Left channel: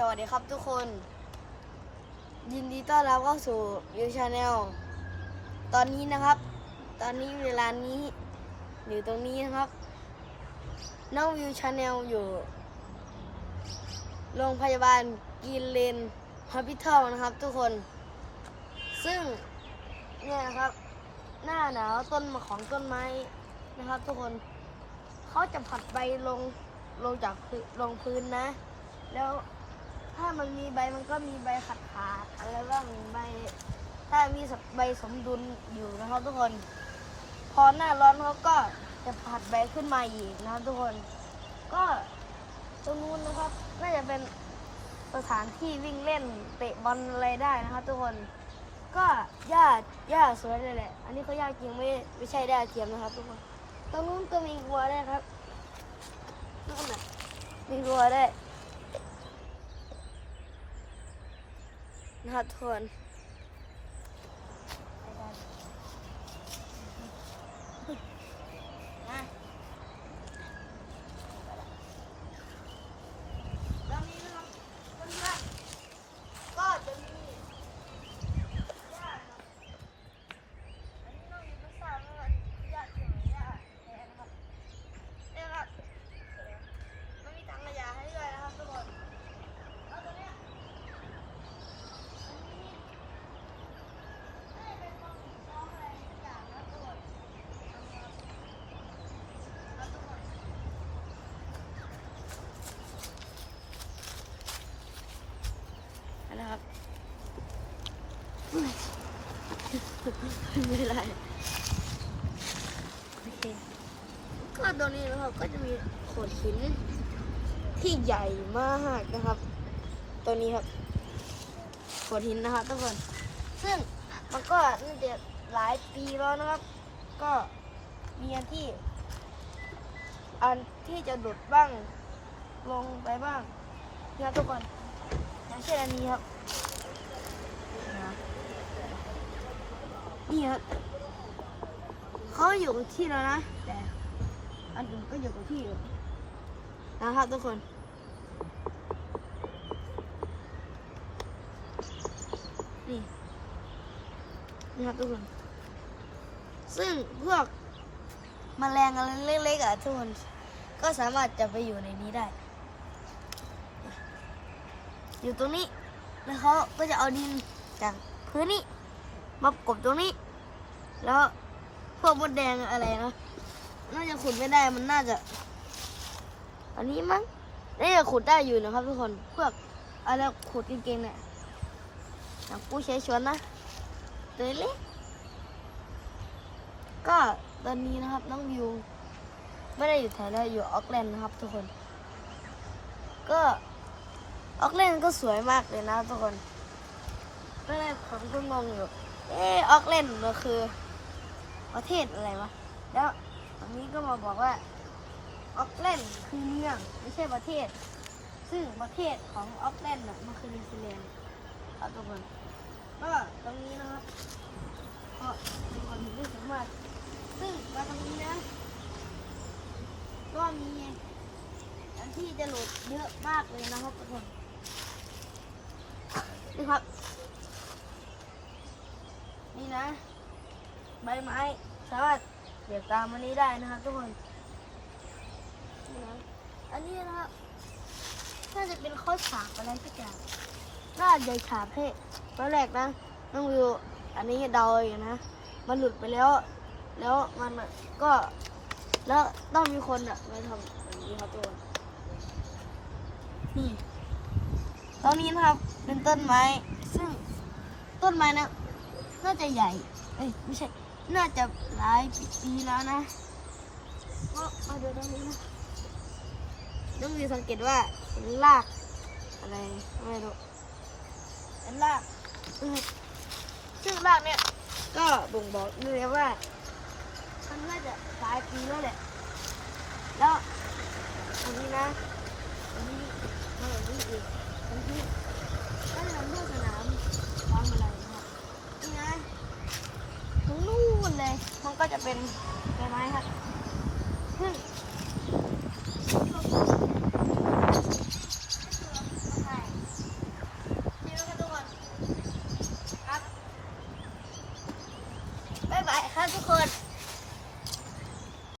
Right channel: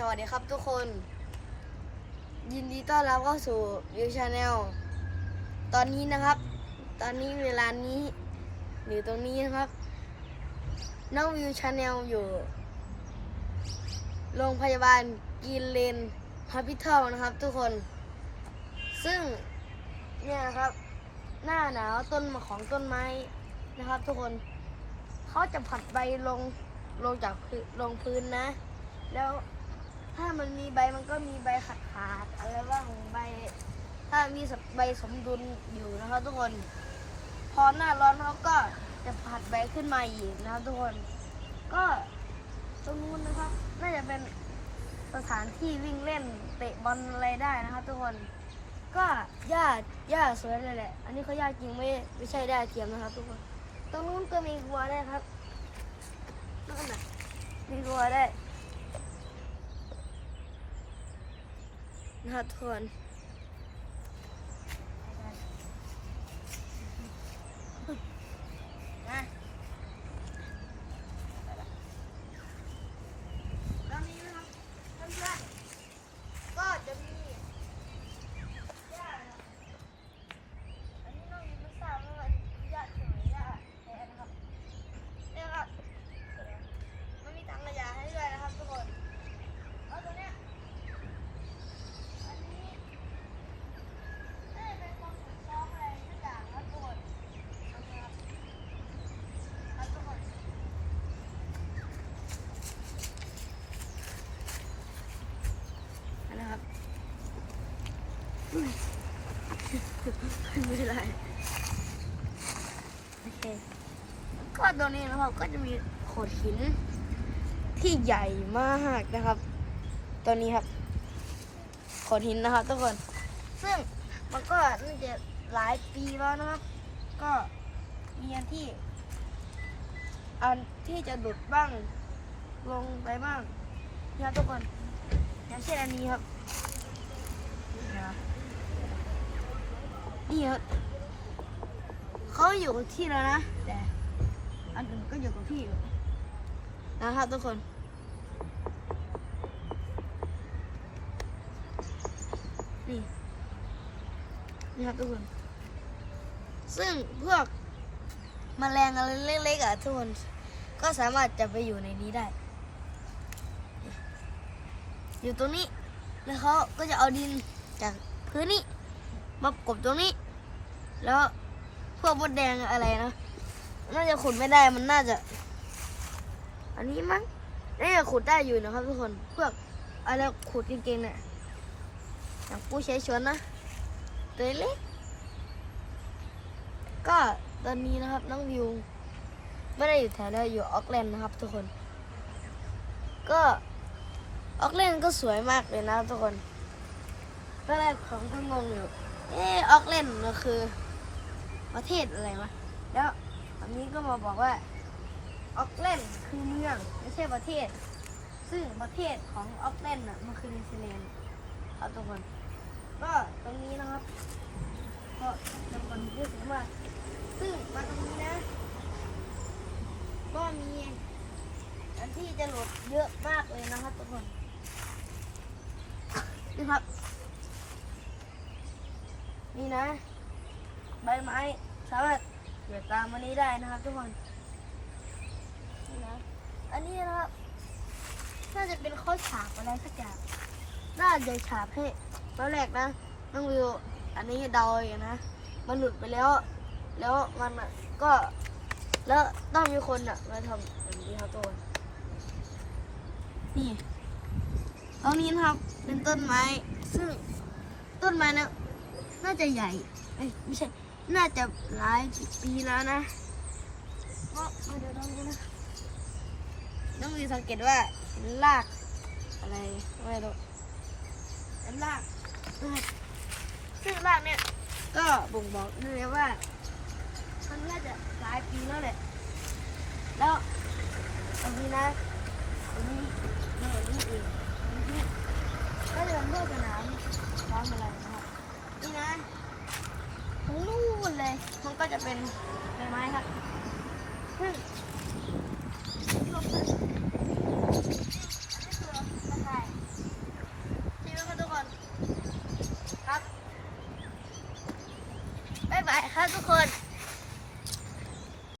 สวัสดีครับทุกคน ยินดีต้อนรับเข้าสู่วิวชาแนลตอนนี้นะครับ ตอนนี้เวลานี้อยู่ตรงนี้นะครับน้องวิวชาแนลอยู่ โรงพยาบาลกีเลนฮอสพิทอลนะครับ ทุกคน ซึ่งเนี่ยนะครับ หน้าหนาวต้นของต้นไม้นะครับ ทุกคนเขาจะผัดใบลงลงจากลงพื้นนะ แล้ว ถ้ามันมีใบมันก็มีใบขาดขาดๆอะไรบ้างใบ ถ้ามีใบสมดุลอยู่นะครับทุกคน พอหน้าร้อนเขาก็จะผัดใบขึ้นมาอีกนะครับทุกคน ก็ตรงนู้นนะครับ น่าจะเป็นสถานที่วิ่งเล่นเตะบอลอะไรได้นะครับทุกคนก็หญ้าหญ้าสวยเลยแหละ อันนี้เขาหญ้าจริงไม่ไม่ใช่หญ้าเทียมนะครับ ทุกคน ตรงนู้นก็มีวัวได้ครับนู่นน่ะมีวัวได้ วยนะครับทุกคนมาไปละตอนนี้นะครับเพื่อนๆก็จะมีหญ้านะครับ อันนี้น้องยังไม่ทราบว่ามันยากเท่าไหร่ยากแท้นะครับเนี่ยครับมันมีถังขยะให้ด้วยนะครับทุกคนแล้วตัวเนี้ยอันนี้น่าจะเป็นกองฝึกซ้อมอะไรสักอย่างนะครับทุกคนอันนี้ครับครับทุกคนอั นนี้ครับไม่ไรโอเคก็ตรงนี้นะครับก็จะมีโขดหินที่ใหญ่มากนะครับ ตัวนี้ครับโขดหินนะครับทุกคนซึ่งมันก็น่าจะหลายปีแล้วนะครับ ก็มีอันที่ อันที่จะดุดบ้าง ลงไปบ้างนี่ครับทุกคน อย่างเช่นอันนี้ครับนี่นะนี่ครับเขาอยู่กับที่แล้วนะแต่อันอื่นก็อยู่กับที่อยู่นะครับทุกคนนี่นี่ครับทุกคน ซึ่งพวกมแมลงอะไรเล็กๆอะทุกคน ก็สามารถจะไปอยู่ในนี้ได้ อยู่ตรงนี้ แล้วเขาก็จะเอาดินจากพื้นนี้ มากบตรงนี้ แล้วพวกมดแดงอะไรนะน่าจะขุดไม่ได้มันน่าจะ อันนี้มั้งน่าจะขุดได้อยู่นะครับทุกคนพวกอะไรขุดเก่งๆเนี่ยอย่างปูเฉยชวนนะตัวเล็กก็ตอนนี้นะครับน้องวิว ไม่ได้อยู่แถวแล้วอยู่ออกแลนด์นะครับทุกคน ก็ ออกแลนก็สวยมากเลยนะทุกคนตอนแรกผมก็งงอยู่เออออกเล่นมันคือ ประเทศอะไรวะแล้วตอนนี้ก็มาบอกว่าออกเลนคือเมืองไม่ใช่ประเทศ ซึ่งประเทศของออกเลนน่ะมันคือนิวซีแลนด์ครับทุกคนก็ตรงนี้นะครับก็เป็นคนที่สวยมากซึ่งมาตรงนี้นะ ก็มีอันที่จะโหลดเยอะมากเลยนะครับทุกคน นี่ครับ นี่นะ ใบไม้สามารถเดินตามมันนี้ได้นะครับทุกคนนี่นะอันนี้นะครับน่าจะเป็นข้อฉาบอะไรสักอย่างน่าจะฉาบให้ตอนแรกนะน้องวิวอันนี้เดาอย่างนะมันหลุดไปแล้ว แล้วมันก็แล้วต้องมีคนอะมาทำแบบนี้ครับทุกคนนี่ ตอนนี้นะครับเป็นต้นไม้ ซึ่งต้นไม้นะน่าจะใหญ่เอ้ยไม่ใช่ น่าจะหลายปีแล้วนะก็มาดูตรงนี้นะต้องมีสังเกตว่าเห็นรากอะไรไม่รู้เห็นรากซึ่งรากเนี่ยก็บ่งบอกได้เลยว่ามันน่าจะหลายปีแล้วแหละแล้วตรงนี้นะตรงนี้ไม่เห็นนี่เอง ก็จะเป็นพวกสนามซ้อมอะไรนะครับ นี่นะตรงนู่นเลยมันก็จะเป็นใบไม้ครับซึ่ง